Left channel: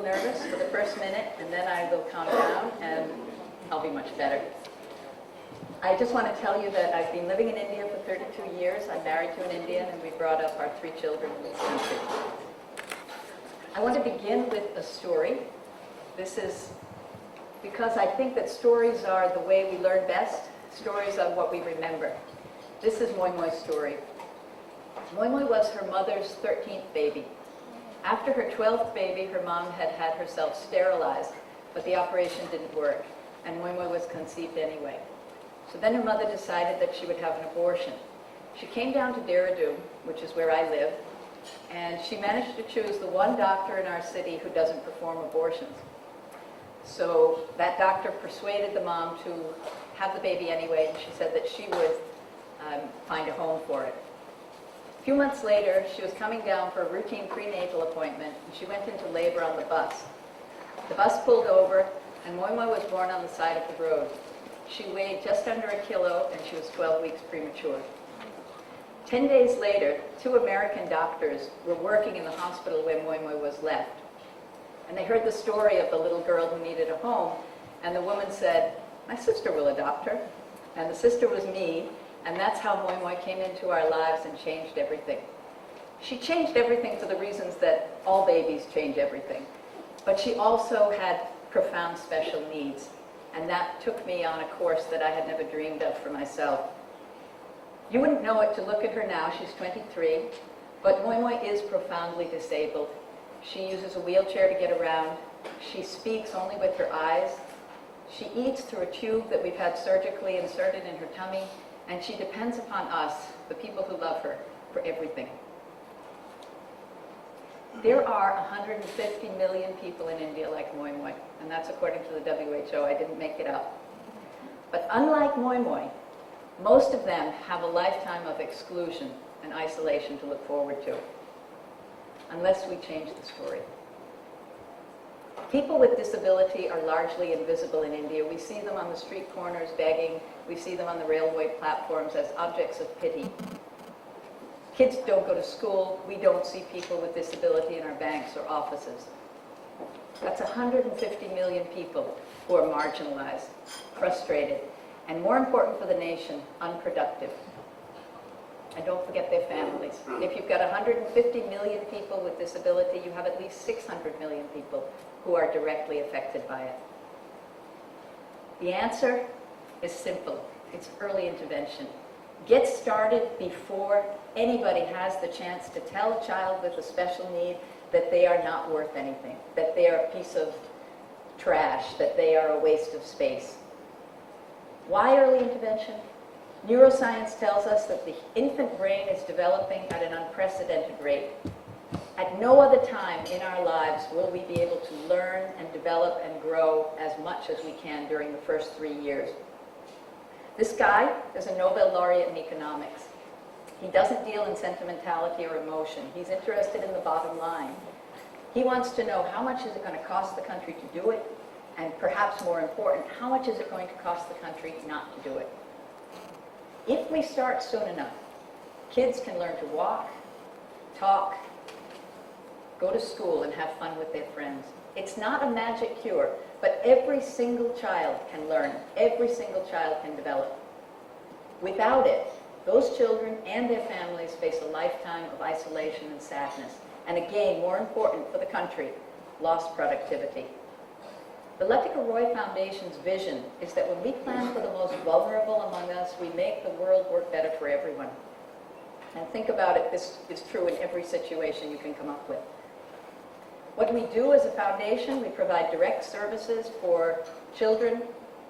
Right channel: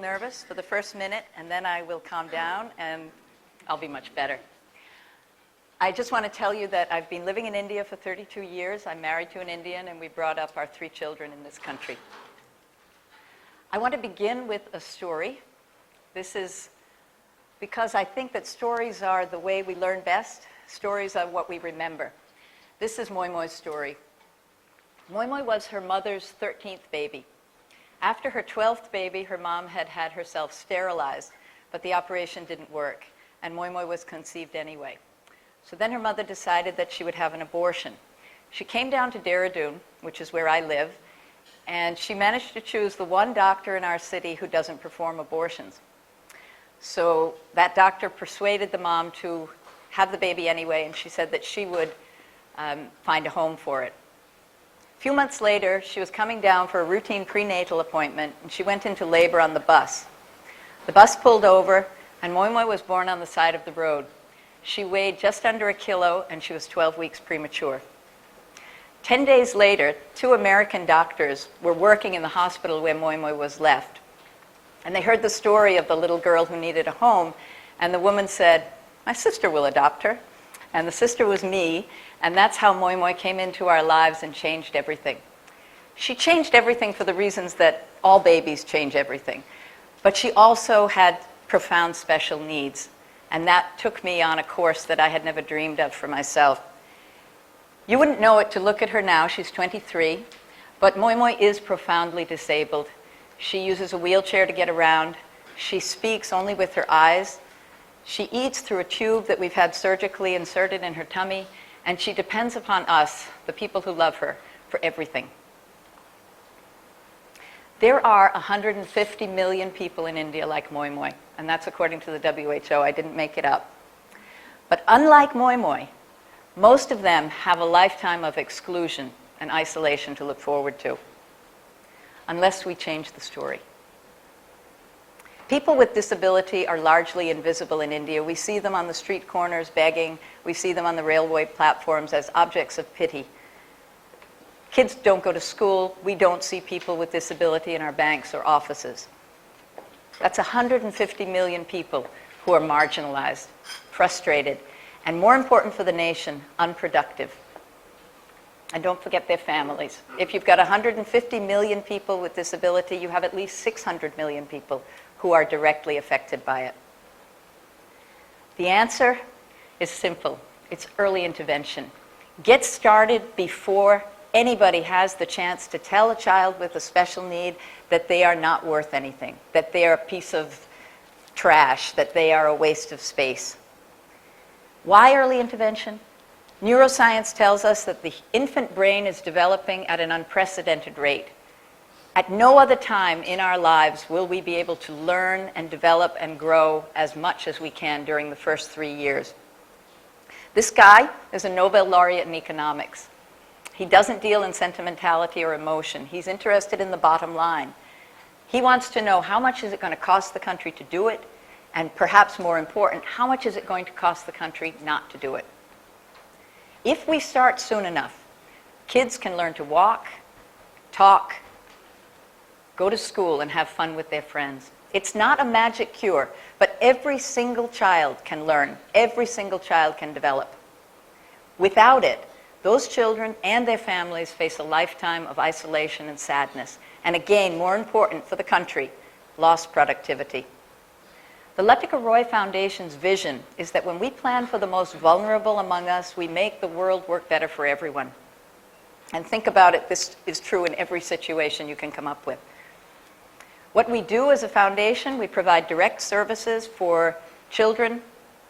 little nervous for the first minute, and then I will calm down, and I'll be much better. I just want to tell you that I've been living in India for 32 years. I'm married to an Indian, and we brought up our 3 children in this country. I want to begin with a story. This is because I think that stories are the way we learn best. Stories are what we remember. This is Moi Moi's story. Moi Moi was her mother's 13th baby. After her 12th baby, her mom had had herself sterilized, but the operation didn't work, and Moi Moi was conceived anyway. So then her mother decided that she would have an abortion. She came down to Dehradun, which is where I live, and she managed to choose the one doctor in our city who doesn't perform abortions. So that doctor persuaded the mom to have the baby anyway, and she said that she would find a home for it. A few months later, she was coming down for a routine prenatal appointment, and she went into labor on the bus. The bus pulled over, and Moi Moi was born on the side of the road. She weighed just under 1 kilo, and she was 12 weeks premature. 10 days later, 2 American doctors were working in the hospital where Moi Moi was left. And they heard the story of the little girl who needed a home, and the woman said, "My sister will adopt her." And the sister was me, and that's how Moi Moi came into our lives and changed everything. She changed everything for the reasons that all babies change everything. But she also had profound special needs, and that took me on a course that I had never dreamed of for myself. You wouldn't know it to look at her now. She's 23, but Moi Moi is profoundly disabled. She uses a wheelchair to get around. She speaks only with her eyes. She eats through a tube that we've had surgically inserted in her tummy, and she depends upon us, the people who love her, for everything. There are 150 million people in India like Moi Moi, and that's according to the WHO. I didn't make it up. But unlike Moi Moi, most of them have a lifetime of exclusion and isolation to look forward to, unless we change the story. People with disability are largely invisible in India. We see them on the street corners begging. We see them on the railway platforms as objects of pity. Kids don't go to school. We don't see people with disability in our banks or offices. That's 150 million people who are marginalized, frustrated, and more important for the nation, unproductive. And don't forget their families. If you've got 150 million people with disability, you have at least 600 million people who are directly affected by it. The answer is simple. It's early intervention. Get started before anybody has the chance to tell a child with a special need that they are not worth anything, that they are a piece of trash, that they are a waste of space. Why early intervention? Neuroscience tells us that the infant brain is developing at an unprecedented rate. At no other time in our lives will we be able to learn and develop and grow as much as we can during the first 3 years. This guy is a Nobel laureate in economics. He doesn't deal in sentimentality or emotion. He's interested in the bottom line. He wants to know how much is it going to cost the country to do it, and perhaps more important, how much is it going to cost the country not to do it? If we start soon enough, kids can learn to walk, talk, go to school, and have fun with their friends. It's not a magic cure, but every single child can learn. Every single child can develop. Without it, those children and their families face a lifetime of isolation and sadness. And again, more important for the country, lost productivity. The Latika Roy Foundation's vision is that when we plan for the most vulnerable among us, we make the world work better for everyone. And think about it, this is true in every situation you can come up with. What we do as a foundation, we provide direct services for children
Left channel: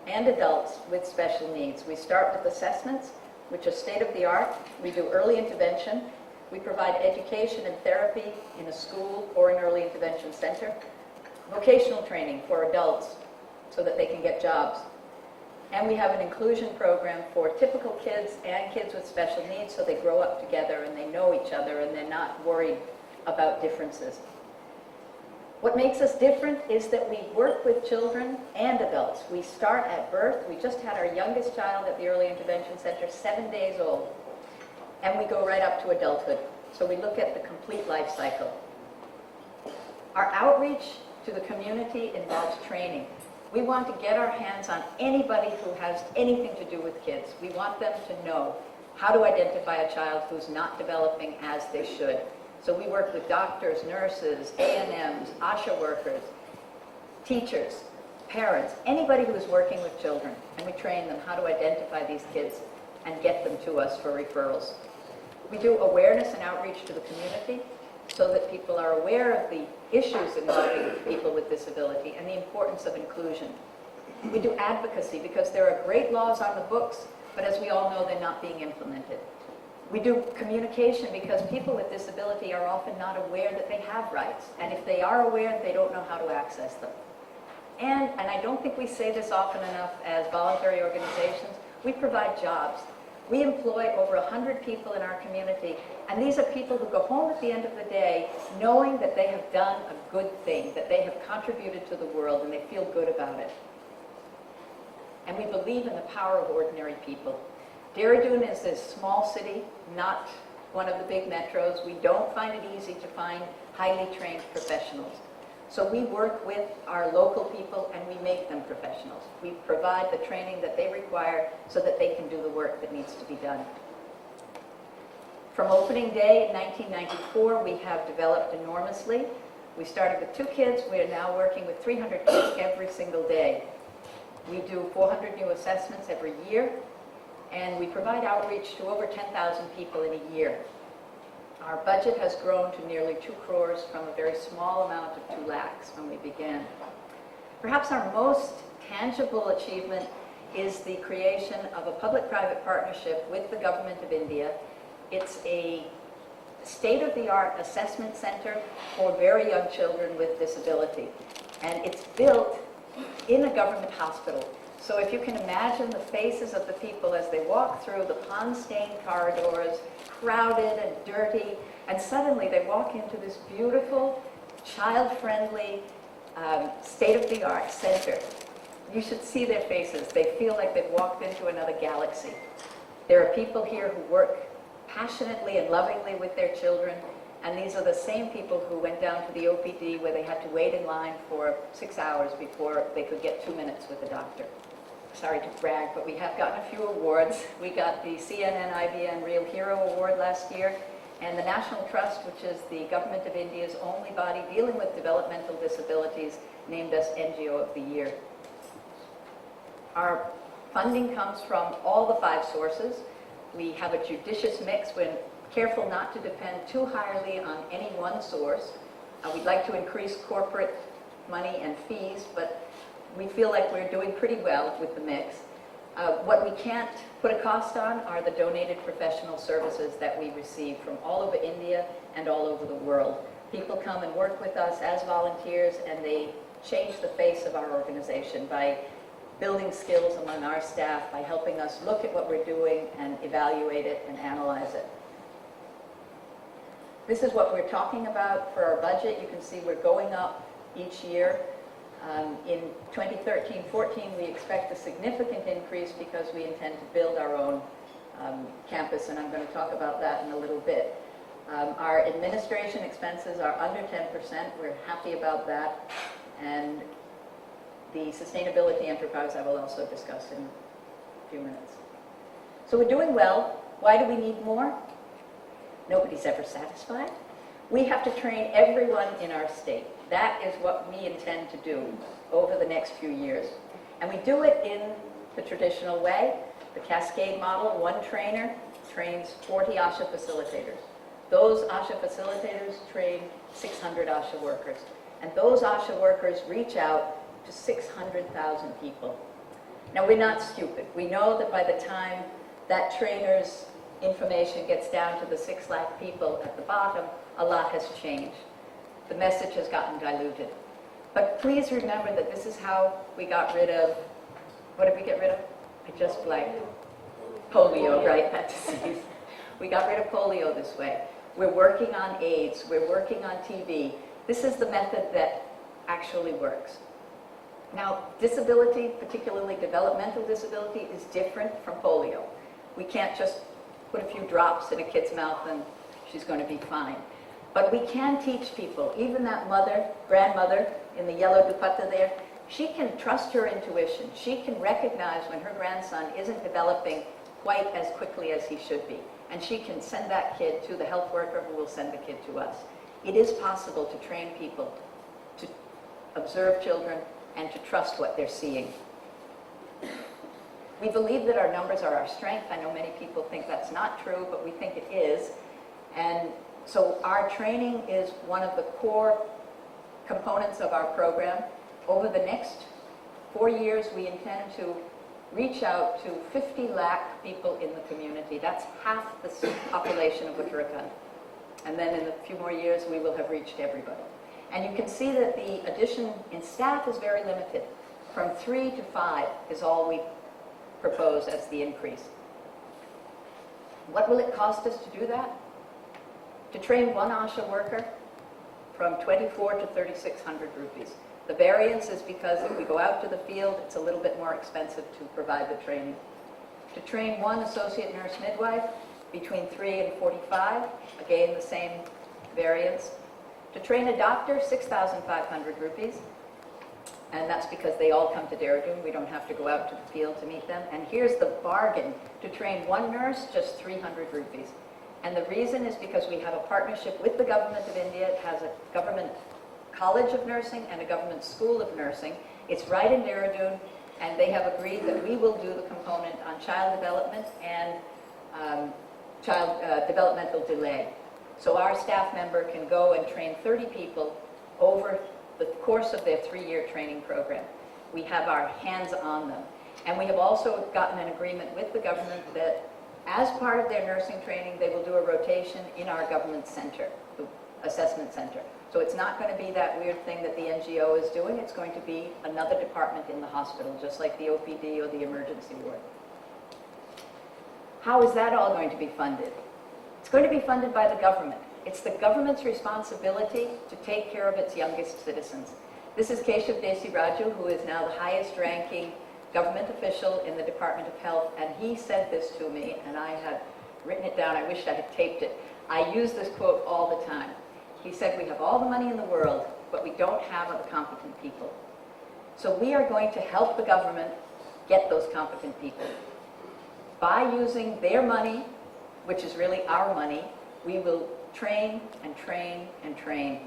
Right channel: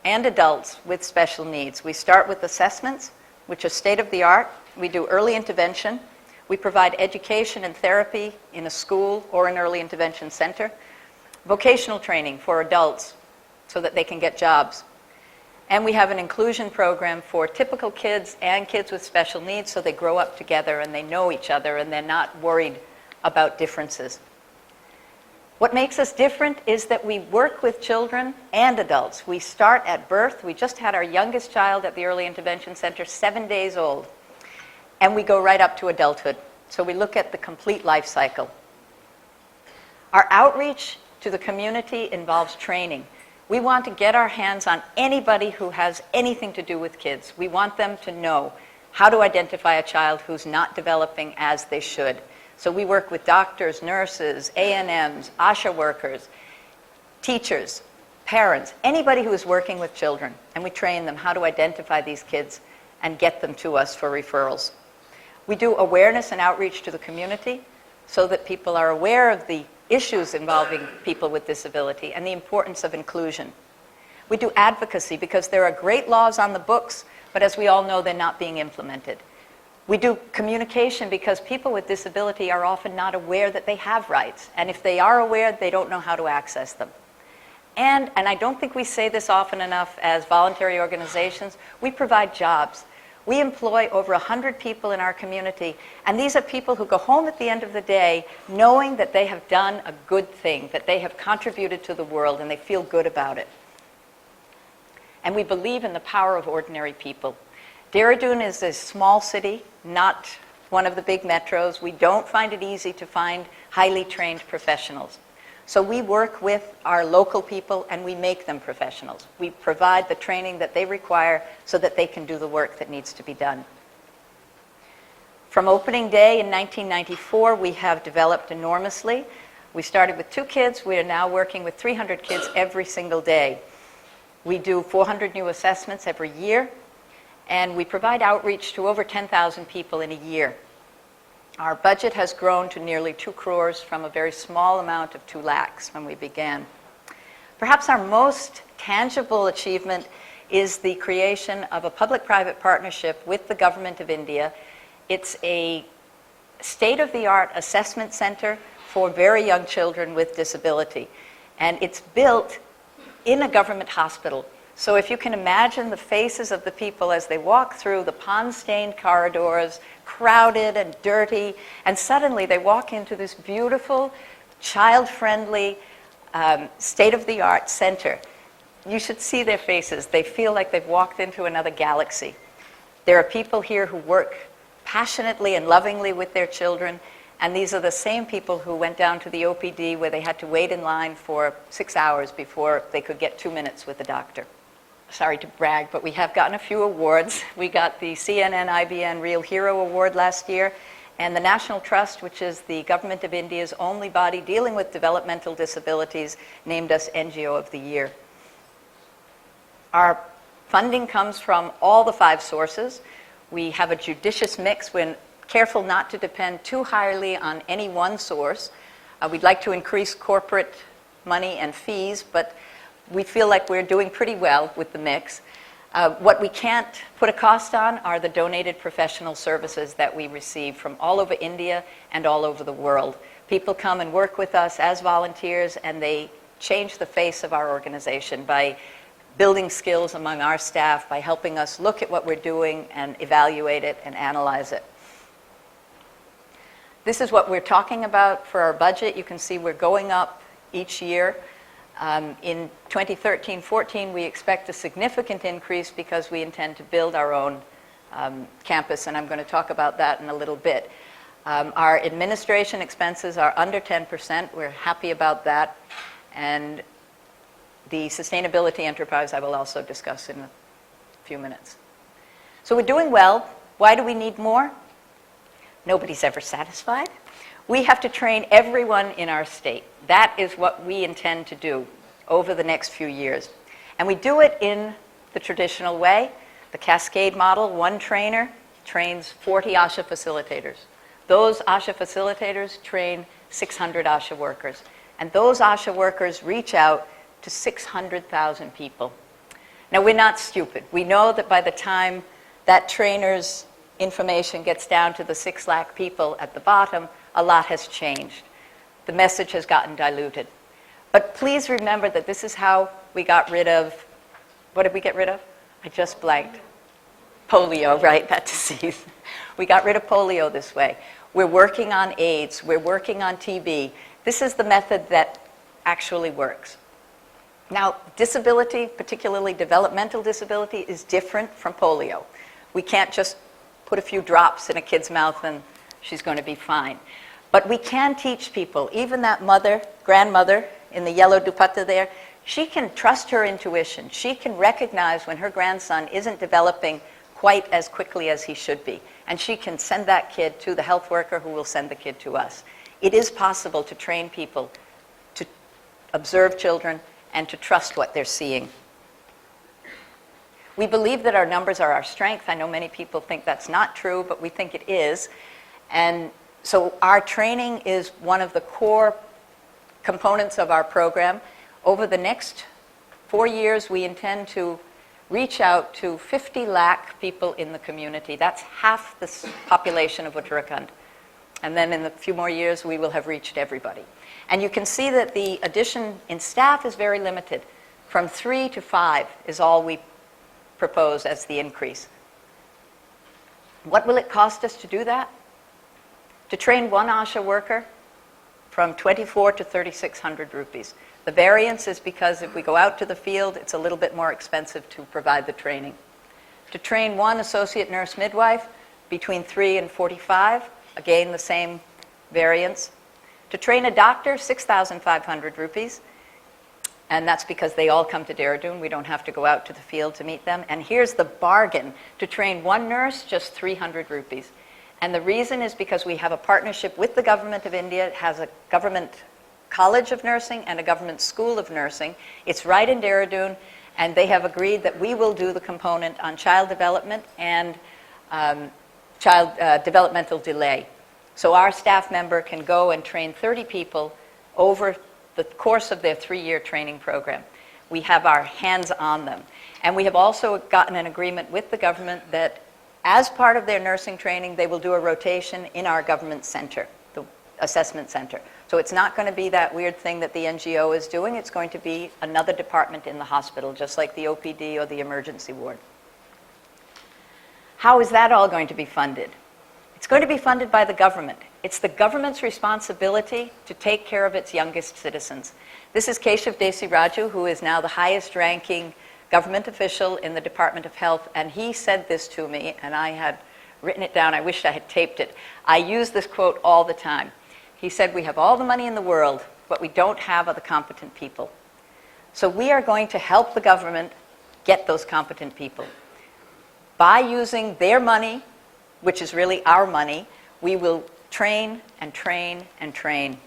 and adults with special needs. We start with assessments, which are state-of-the-art. We do early intervention. We provide education and therapy in a school or an early intervention center. Vocational training for adults so that they can get jobs. And we have an inclusion program for typical kids and kids with special needs so they grow up together and they know each other and they're not worried about differences. What makes us different is that we work with children and adults. We start at birth. We just had our youngest child at the Early Intervention Center, 7 days old. And we go right up to adulthood. So we look at the complete life cycle. Our outreach to the community involves training. We want to get our hands on anybody who has anything to do with kids. We want them to know how to identify a child who's not developing as they should. So we work with doctors, nurses, A&Ms, ASHA workers, teachers, parents, anybody who is working with children, and we train them how to identify these kids and get them to us for referrals. We do awareness and outreach to the community so that people are aware of the issues involving people with disability and the importance of inclusion. We do advocacy because there are great laws on the books, but as we all know, they're not being implemented. We do communication because people with disability are often not aware that they have rights, and if they are aware, they don't know how to access them. And I don't think we say this often enough as voluntary organizations, we provide jobs. We employ over 100 people in our community, and these are people who go home at the end of the day knowing that they have done a good thing, that they have contributed to the world, and they feel good about it. And we believe in the power of ordinary people. Dehradun is a small city, not one of the big metros. We don't find it easy to find highly trained professionals. So we work with our local people and we make them professionals. We provide the training that they require so that they can do the work that needs to be done. From opening day in 1994, we have developed enormously. We started with 2 kids. We are now working with 300 kids every single day. We do 400 new assessments every year, and we provide outreach to over 10,000 people in a year. Our budget has grown to nearly 2 crores from a very small amount of 2 lakhs when we began. Perhaps our most tangible achievement is the creation of a public-private partnership with the Government of India. It's a state-of-the-art assessment center for very young children with disability, and it's built in a government hospital. So if you can imagine the faces of the people as they walk through the pond-stained corridors, crowded and dirty, and suddenly they walk into this beautiful, child-friendly, state-of-the-art center. You should see their faces. They feel like they've walked into another galaxy. There are people here who work passionately and lovingly with their children, and these are the same people who went down to the OPD where they had to wait in line for 6 hours before they could get 2 minutes with the doctor. Sorry to brag, but we have gotten a few awards. We got the CNN-IBN Real Hero Award last year, and the National Trust, which is the Government of India's only body dealing with developmental disabilities, named us NGO of the Year. Our funding comes from all the 5 sources. We have a judicious mix. We're careful not to depend too highly on any one source. We'd like to increase corporate money and fees, but we feel like we're doing pretty well with the mix. What we can't put a cost on are the donated professional services that we receive from all over India and all over the world. People come and work with us as volunteers, and they change the face of our organization by building skills among our staff, by helping us look at what we're doing and evaluate it and analyze it. This is what we're talking about for our budget. You can see we're going up each year. In 2013-14, we expect a significant increase because we intend to build our own campus, and I'm going to talk about that in a little bit. Our administration expenses are under 10%. We're happy about that. And the sustainability enterprise I will also discuss in a few minutes. So we're doing well. Why do we need more? Nobody's ever satisfied. We have to train everyone in our state. That is what we intend to do over the next few years. And we do it in the traditional way, the cascade model. One trainer trains 40 ASHA facilitators. Those ASHA facilitators train 600 ASHA workers. And those ASHA workers reach out to 600,000 people. Now, we're not stupid. We know that by the time that trainer's information gets down to the 6 lakh people at the bottom, a lot has changed. The message has gotten diluted. But please remember that this is how we got rid of, what did we get rid of? I just blanked. Polio, right, that disease. We got rid of polio this way. We're working on AIDS. We're working on TB. This is the method that actually works. Now, disability, particularly developmental disability, is different from polio. We can't just put a few drops in a kid's mouth and she's going to be fine. But we can teach people, even that mother, grandmother in the yellow dupatta there, she can trust her intuition. She can recognize when her grandson isn't developing quite as quickly as he should be. And she can send that kid to the health worker who will send the kid to us. It is possible to train people to observe children and to trust what they're seeing. We believe that our numbers are our strength. I know many people think that's not true, but we think it is. And so our training is one of the core components of our program. Over the next 4 years, we intend to reach out to 50 lakh people in the community. That's half the population of Uttarakhand. And then in a few more years, we will have reached everybody. And you can see that the addition in staff is very limited. From 3 to 5 is all we propose as the increase. What will it cost us to do that? To train one ASHA worker, from 24 to 3,600 rupees. The variance is because if we go out to the field, it's a little bit more expensive to provide the training. To train one associate nurse midwife, between 3 and 45, again the same variance. To train a doctor, 6,500 rupees. And that's because they all come to Dehradun. We don't have to go out to the field to meet them. And here's the bargain. To train one nurse, just 300 rupees. And the reason is because we have a partnership with the government of India. It has a government college of nursing and a government school of nursing. It's right in Dehradun, and they have agreed that we will do the component on child development and child developmental delay. So our staff member can go and train 30 people over the course of their 3-year training program. We have our hands on them. And we have also gotten an agreement with the government that as part of their nursing training, they will do a rotation in our government center, the assessment center. So it's not going to be that weird thing that the NGO is doing. It's going to be another department in the hospital, just like the OPD or the emergency ward. How is that all going to be funded? It's going to be funded by the government. It's the government's responsibility to take care of its youngest citizens. This is Keshav Desiraju, who is now the highest ranking government official in the Department of Health, and he said this to me, and I had written it down. I wish I had taped it. I use this quote all the time. He said, "We have all the money in the world, what we don't have are the competent people." So we are going to help the government get those competent people. By using their money, which is really our money, we will train and train and train.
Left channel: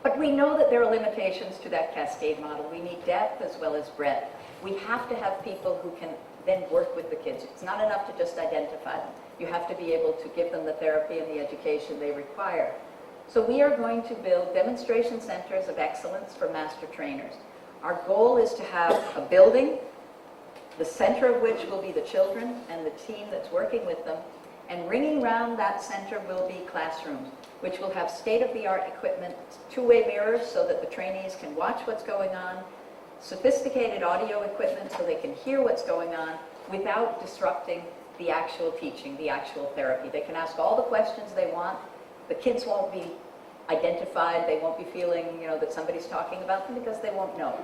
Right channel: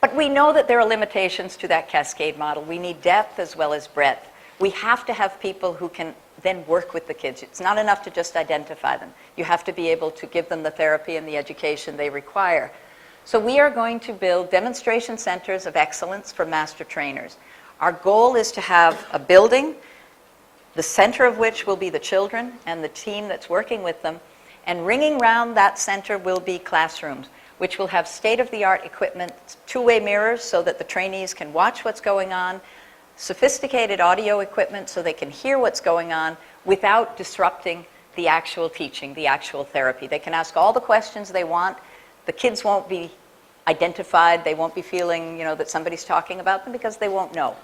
But we know that there are limitations to that cascade model. We need depth as well as breadth. We have to have people who can then work with the kids. It's not enough to just identify them. You have to be able to give them the therapy and the education they require. So we are going to build demonstration centers of excellence for master trainers. Our goal is to have a building, the center of which will be the children and the team that's working with them, and ringing around that center will be classrooms, which will have state-of-the-art equipment, two-way mirrors so that the trainees can watch what's going on, sophisticated audio equipment so they can hear what's going on without disrupting the actual teaching, the actual therapy. They can ask all the questions they want. The kids won't be identified. They won't be feeling, that somebody's talking about them because they won't know.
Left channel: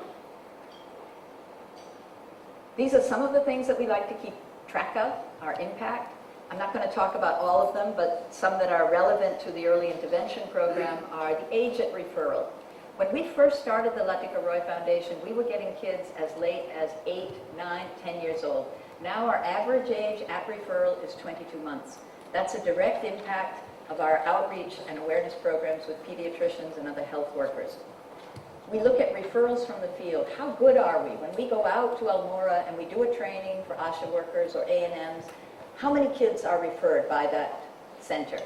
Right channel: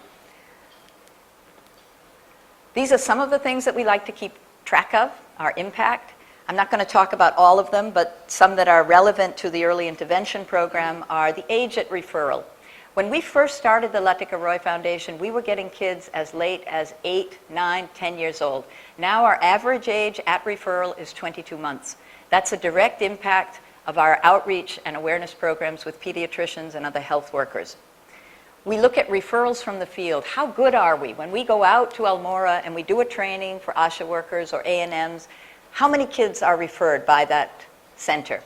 These are some of the things that we like to keep track of, our impact. I'm not going to talk about all of them, but some that are relevant to the early intervention program are the age at referral. When we first started the Latika Roy Foundation, we were getting kids as late as 8, 9, 10 years old. Now our average age at referral is 22 months. That's a direct impact of our outreach and awareness programs with pediatricians and other health workers. We look at referrals from the field. How good are we? When we go out to Almora and we do a training for ASHA workers or A&Ms, how many kids are referred by that center?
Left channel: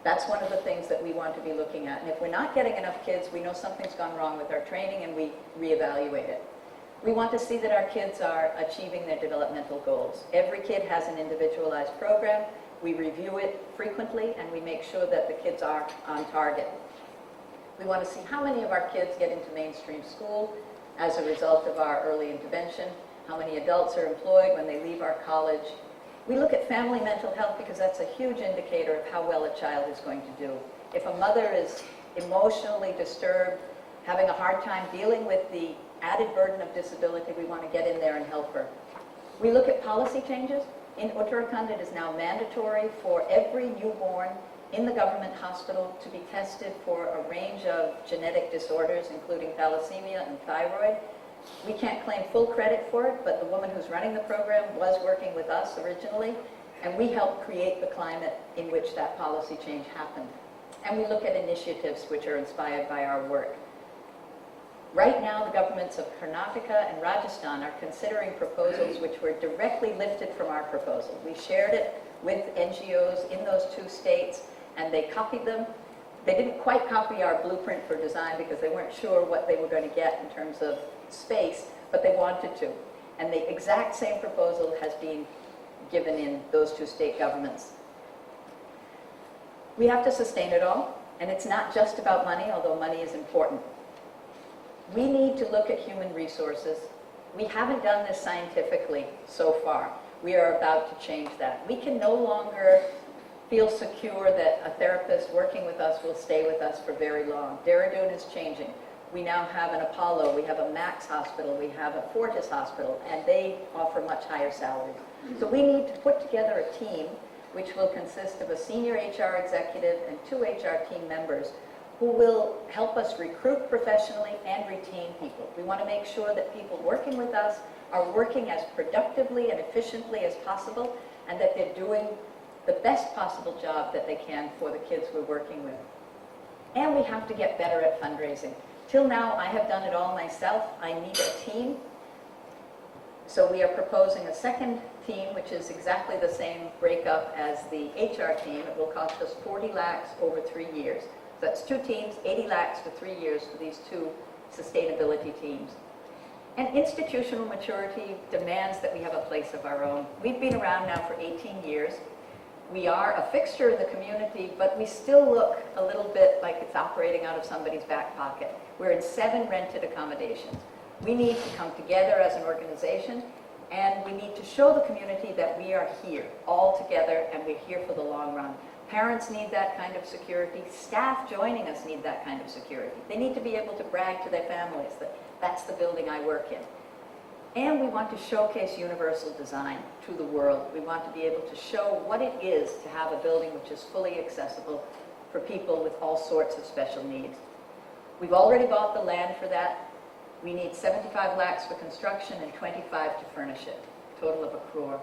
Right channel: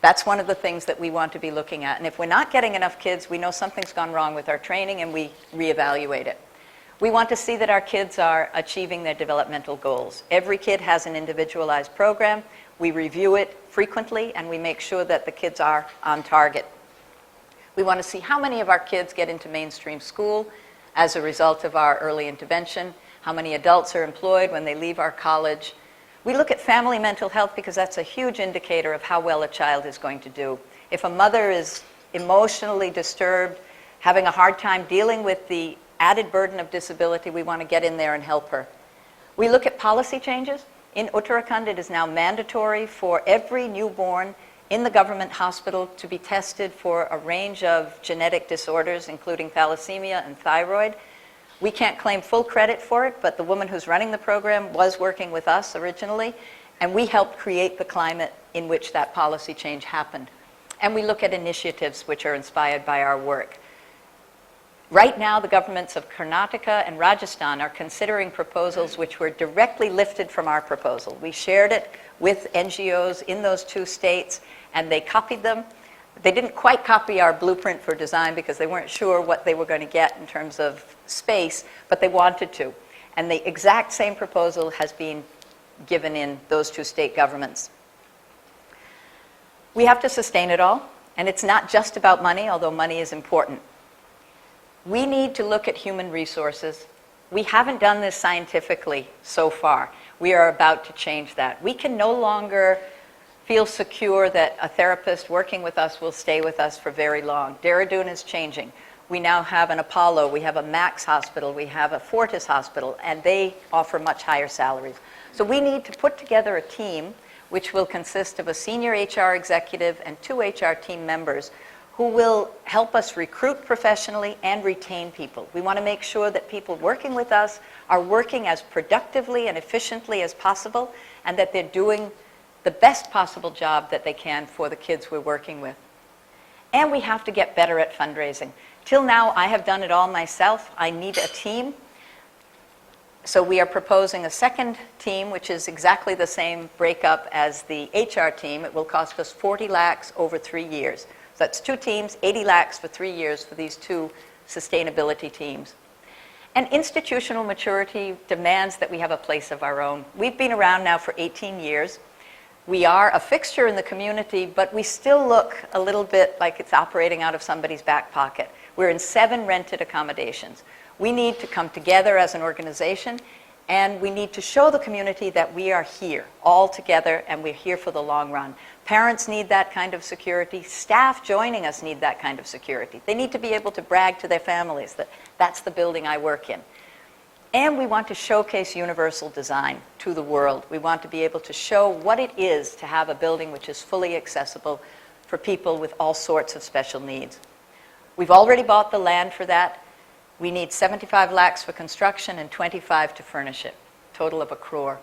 That's one of the things that we want to be looking at. And if we're not getting enough kids, we know something's gone wrong with our training and we reevaluate it. We want to see that our kids are achieving their developmental goals. Every kid has an individualized program. We review it frequently and we make sure that the kids are on target. We want to see how many of our kids get into mainstream school as a result of our early intervention, how many adults are employed when they leave our college. We look at family mental health because that's a huge indicator of how well a child is going to do. If a mother is emotionally disturbed, having a hard time dealing with the added burden of disability, we want to get in there and help her. We look at policy changes. In Uttarakhand, it is now mandatory for every newborn in the government hospital to be tested for a range of genetic disorders, including thalassemia and thyroid. We can't claim full credit for it, but the woman who's running the program was working with us originally, and we helped create the climate in which that policy change happened. And we look at initiatives which are inspired by our work. Right now, the governments of Karnataka and Rajasthan are considering proposals which were directly lifted from our proposal. We shared it with NGOs in those two states, and they copied them. They didn't quite copy our blueprint for design because they weren't sure what they were going to get in terms of space, but they wanted to. And the exact same proposal has been given in those two state governments. We have to sustain it all, and it's not just about money, although money is important. We need to look at human resources. We haven't done this scientifically so far. We are about to change that. We can no longer feel secure that a therapist working with us will stay with us for very long. Dehradun is changing. We now have an Apollo, we have a Max hospital, we have a Fortis hospital, and they offer much higher salaries. So we need to put together a team which will consist of a senior HR executive and 2 HR team members who will help us recruit professionally and retain people. We want to make sure that people working with us are working as productively and efficiently as possible, and that they're doing the best possible job that they can for the kids we're working with. And we have to get better at fundraising. Till now, I have done it all myself. I need a team. So we are proposing a second team, which is exactly the same breakup as the HR team. It will cost us 40 lakhs over 3 years. So that's 2 teams, 80 lakhs for 3 years for these 2 sustainability teams. And institutional maturity demands that we have a place of our own. We've been around now for 18 years. We are a fixture in the community, but we still look a little bit like it's operating out of somebody's back pocket. We're in 7 rented accommodations. We need to come together as an organization, and we need to show the community that we are here all together, and we're here for the long run. Parents need that kind of security. Staff joining us need that kind of security. They need to be able to brag to their families that that's the building I work in. And we want to showcase universal design to the world. We want to be able to show what it is to have a building which is fully accessible for people with all sorts of special needs. We've already bought the land for that. We need 75 lakhs for construction and 25 to furnish it, total of 1 crore.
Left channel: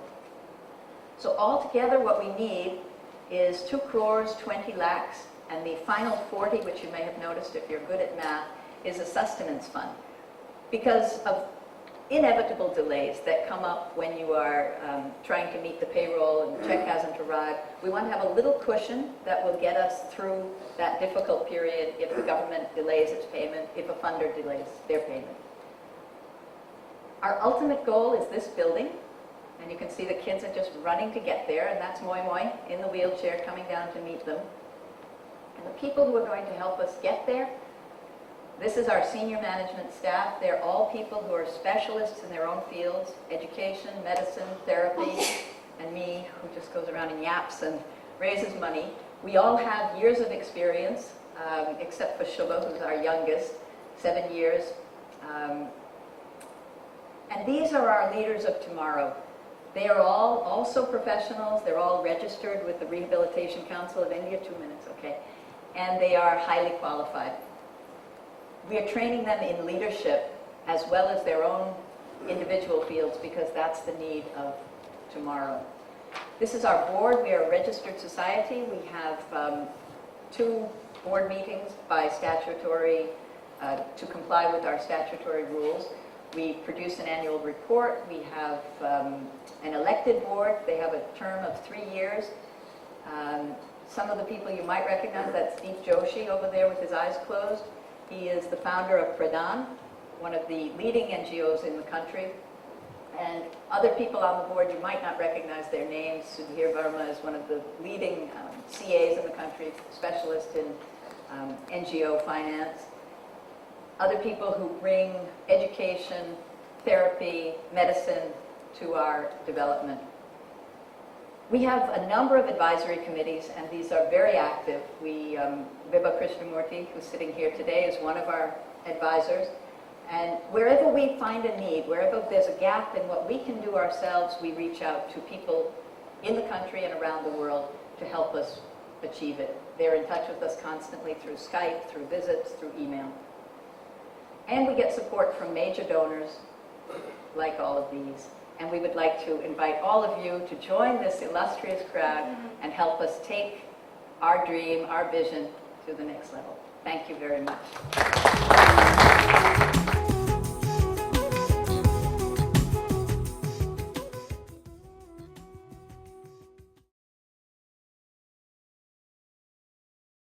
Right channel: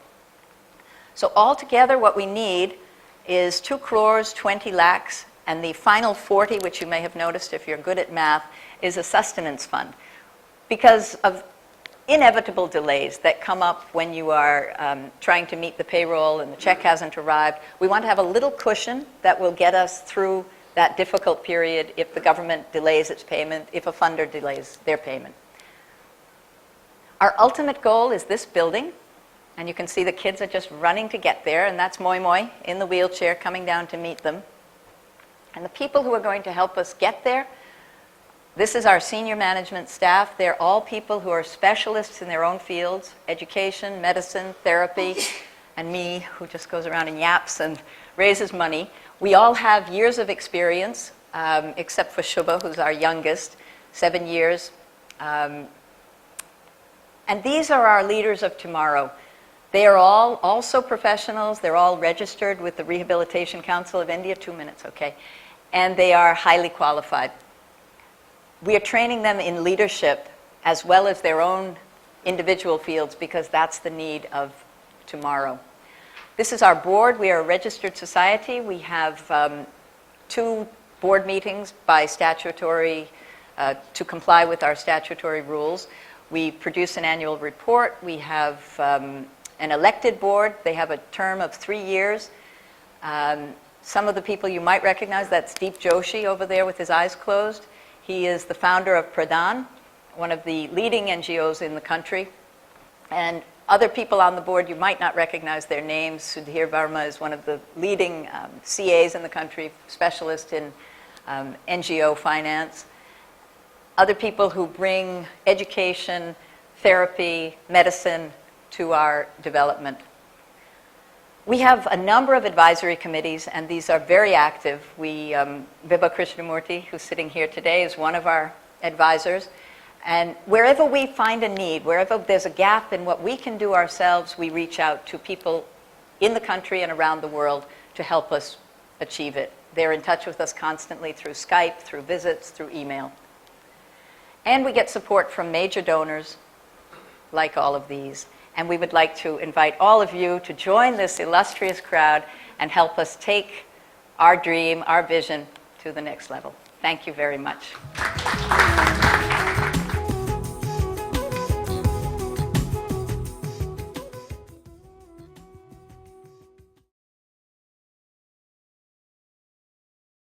So altogether what we need is 2 crores, 20 lakhs, and the final 40, which you may have noticed if you're good at math, is a sustenance fund. Because of inevitable delays that come up when you are trying to meet the payroll and the check hasn't arrived, we want to have a little cushion that will get us through that difficult period if the government delays its payment, if a funder delays their payment. Our ultimate goal is this building, and you can see the kids are just running to get there, and that's Moi Moi in the wheelchair coming down to meet them. And the people who are going to help us get there, this is our senior management staff. They're all people who are specialists in their own fields, education, medicine, therapy, and me, who just goes around and yaps and raises money. We all have years of experience, except for Shubha, who's our youngest, 7 years. And these are our leaders of tomorrow. They are all also professionals. They're all registered with the Rehabilitation Council of India. 2 minutes, okay. And they are highly qualified. We are training them in leadership as well as their own individual fields, because that's the need of tomorrow. This is our board. We are a registered society. We have 2 board meetings by statutory, to comply with our statutory rules. We produce an annual report. We have an elected board. They have a term of 3 years. Some of the people you might recognize, that's Deep Joshi over there with his eyes closed. He is the founder of Pradhan, one of the leading NGOs in the country. And other people on the board, you might not recognize their names. Sudhir Verma is one of the leading CAs in the country, specialist in NGO finance. Other people who bring education, therapy, medicine to our development. We have a number of advisory committees, and these are very active. Vibha Krishnamurti, who's sitting here today, is one of our advisors. And wherever we find a need, wherever there's a gap in what we can do ourselves, we reach out to people in the country and around the world to help us achieve it. They're in touch with us constantly through Skype, through visits, through email. And we get support from major donors like all of these. And we would like to invite all of you to join this illustrious crowd and help us take our dream, our vision to the next level. Thank you very much.